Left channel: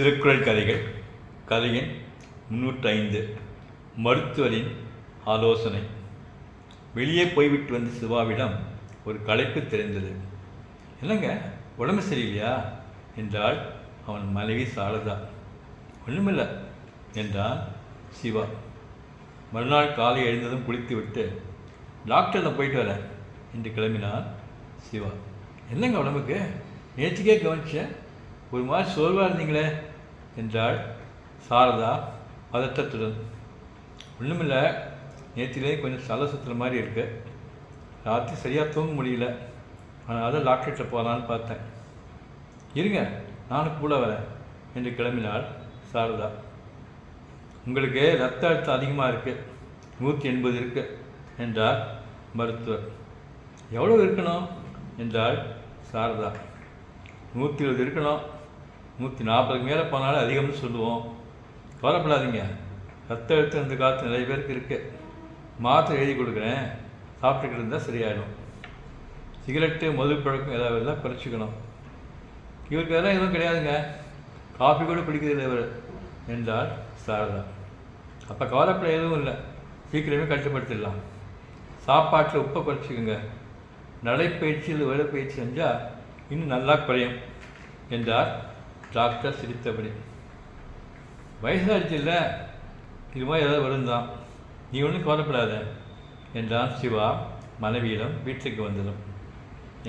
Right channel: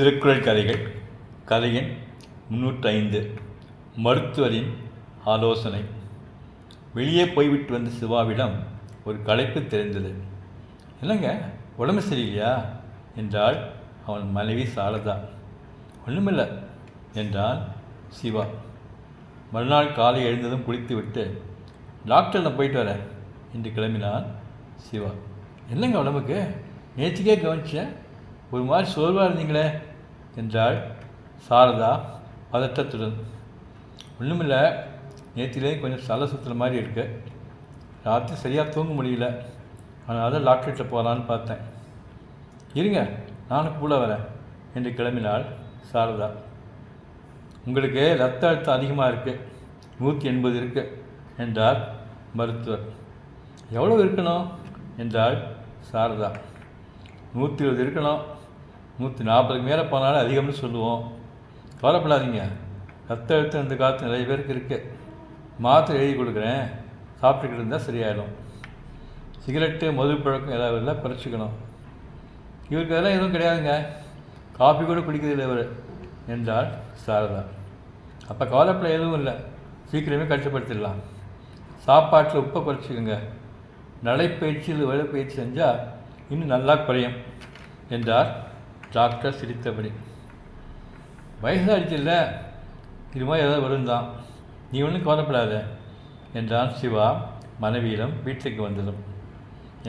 திருக்குறள் கதைகள் கதை எண் 305. மருத்துவரின் ஆலோசனை. வெளியே போய்விட்டு வந்த சிவாவிடம் ஒரு களைப்பு தெரிந்தது. என்னங்க, உடம்பு சரியில்லையா என்றாள் அவன் மனைவி சாரதா. ஒன்றுமில்லை என்றான் சிவா. மறுநாள் காலை எழுந்ததும் குளித்துவிட்டு டாக்டரில் போயிட்டு வரேன் என்று கிளம்பினான் சிவா. என்னங்க உடம்புக்கு? நேற்றுக்கே கவனிச்சேன், ஒரு மாதிரி சோர்வாக இருந்தீங்களே என்றாள் சாரதா பதட்டத்துடன். ஒன்றுமில்லை, நேற்றிலே கொஞ்சம் தலை சுற்றுற மாதிரி இருக்கு. ராத்திரி சரியாக தூங்க முடியல, அதனால தான் டாக்டர்கிட்ட போகலான்னு பார்த்தேன். இருங்க, நானும் கூட வரேன் என்று கிளம்பினாள் சாரதா. உங்களுக்கு ரத்த அழுத்தம் அதிகமாக இருக்குது, 180 இருக்கு என்றார் மருத்துவர். எவ்வளோ இருக்கணும் என்றாள் சாரதா. 120 இருக்கணும், 140 மேலே போனாலும் அதிகம்னு சொல்லுவோம். கவலைப்படாதீங்க, ரத்த அழுத்தம் இந்த காலத்து நிறைய பேருக்கு இருக்குது. மாத்திரை எழுதி கொடுக்குறேன், சாப்பிட்டுக்கிட்டு இருந்தால் சரியாயிடும். சிகரெட்டு மது பழக்கம் ஏதாவது இருந்தால் குறைச்சிக்கணும். இவருக்கு அதெல்லாம் எதுவும் கிடையாதுங்க, காஃபி கூட குடிக்கிறதில்லை இவர் என்றாள் சாரதா. அப்போ கவலைப்பட எதுவும் இல்லை, சீக்கிரமே கட்டுப்படுத்திடலாம். சாப்பாட்டில் உப்பை குறைச்சிக்கோங்க. நடைப்பயிற்சி இல்லை வேலைப்பயிற்சி செஞ்சால் இன்னும் நல்லா குறையும் என்றார் டாக்டர் சிரித்தபடி. வயசாகிடுச்சு இல்லை, இது மாதிரி ஏதாவது வருந்தான், நீ ஒன்றும் கவலைப்படாத என்றான் சிவா மனைவியிடம் வீட்டுக்கு வந்ததும்.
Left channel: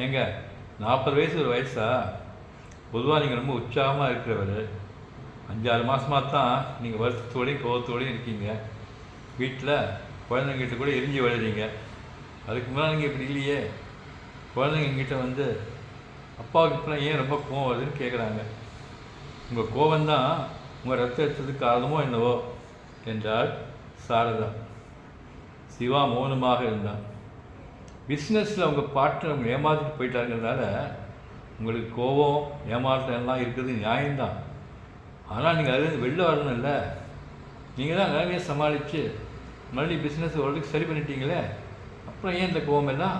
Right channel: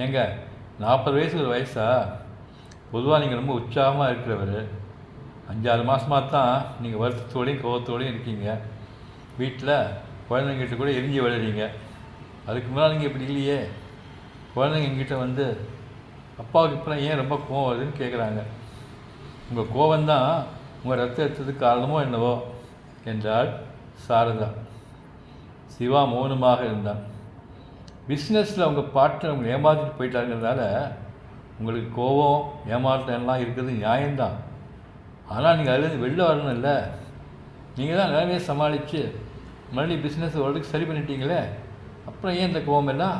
ஏங்க, 40 வயசு ஒரு வயசா? பொதுவாக நீங்கள் ரொம்ப உற்சாகமாக இருக்கிறவர். 5-6 மாதமாக தான் நீங்கள் வருத்தத்தோடையும் கோபத்தோடையும் இருக்கீங்க. வீட்டில் குழந்தைங்கிட்ட கூட எரிஞ்சு விழுறீங்க. அதுக்கு முன்னால் நீங்கள் இப்படி இல்லையே. குழந்தைங்க எங்கிட்ட வந்து அப்பாவுக்கு இப்போ ஏன் ரொம்ப கோவம் வருதுன்னு கேட்குறாங்க. உங்கள் கோபந்தான் உங்கள் ரத்த அழுத்தத்துக்கு காரணமோ என்னவோ என்றாள் சாரதா. சிவா மௌனமாக இருந்தான். பிஸ்னஸில் உங்கள் பார்ட்னர் அவங்க ஏமாற்றிட்டு போயிட்டாருங்கிறதுனால உங்களுக்கு கோபம் ஏமாற்றம் எல்லாம் இருக்குது நியாயம்தான். ஆனால் நீங்கள் அதுலேருந்து வெளில வரணும் இல்லை. நீங்கள் தான் நிலைமையை சமாளித்து மறுபடியும் பிஸ்னஸ் ஓரளவுக்கு சரி பண்ணிட்டீங்களே, அப்புறம் ஏன் இந்த கோபம் எல்லாம்?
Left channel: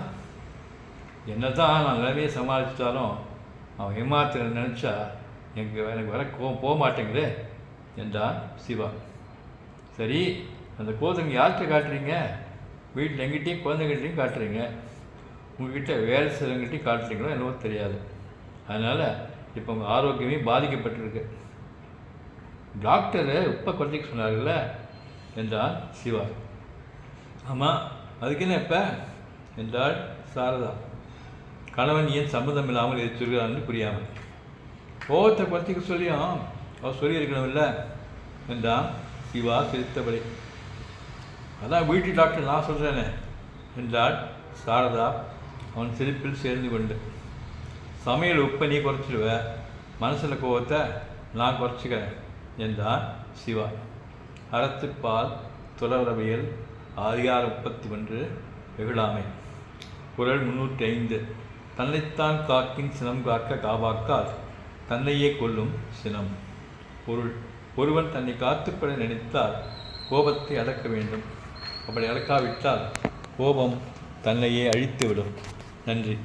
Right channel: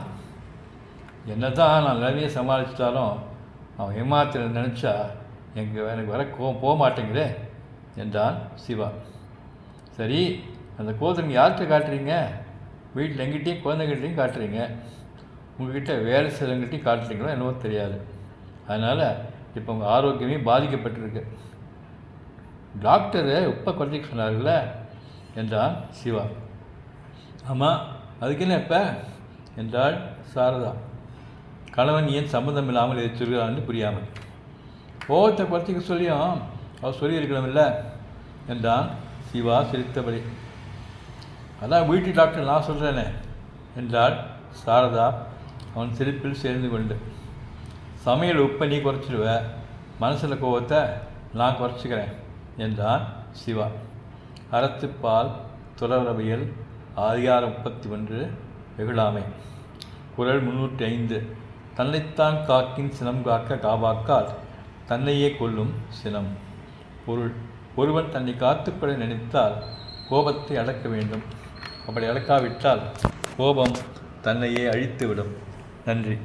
என்ன தான் நான் நிலைமையை சமாளிச்சிட்டாலும் அவன் ஏமாத்திர நினச்சா எனக்கு வர கோபம் போக மாட்டேங்குதே என்றான் சிவா. சரி, அந்த கோபத்தை நீங்கள் யார்கிட்ட காட்டுறீங்க? வீட்டில் எங்கிட்டையும் குழந்தைகிட்டையும் காட்டுறீங்க, உங்கள்கிட்ட வேலை செய்கிறவங்ககிட்டையும் காட்டுறீங்களோ என்னவோ தெரியாது. அதனால் இப்போ உங்கள் ஆரோக்கியமே பாதிக்கப்பட்டிருக்கு. டாக்டரு உப்பை குறைச்சிக்க சொன்னார்ல என்றான் சிவா. ஆமாம், அதுக்கு என்ன இப்போ என்றாள் சாரதா. கணவன் ஏன் சம்மந்தம் இல்லாமல் இதை சொல்கிறான்னு புரியாமல். கோபத்தை குறைச்சிக்க சொல்லியும் அவர் சொல்லியிருக்கணும்ல என்றான் சிவா சிரித்தபடி. அதான் வீட்டு டாக்டர் நான் சொல்கிறேனே என்றாள் சாரதா அவன் சிரிப்பில் சேர்ந்து கொண்டு. சமையல் உப்பை நீ குறைச்சிடுவ, மனசில் கோபத்தை நான் குறைச்சிக்கிறேன் என்றான் சிவா. அறத்துப்பால் துறவரவியல் அதிகாரம் 31 வெகுளாமை. குறள் 305. தன்னைத்தான் காக்கின் சினம் காக்க காவாக்கால் தன்னையே கொல்லும் சினம். பொருள்: ஒருவன் தன்னை காத்துக்கொள்ள நினைத்தால் கோபத்தை அடக்க வேண்டும். அப்படி அடக்காவிட்டால் கோபம் தன்னையே அழித்துவிடும். நன்றி.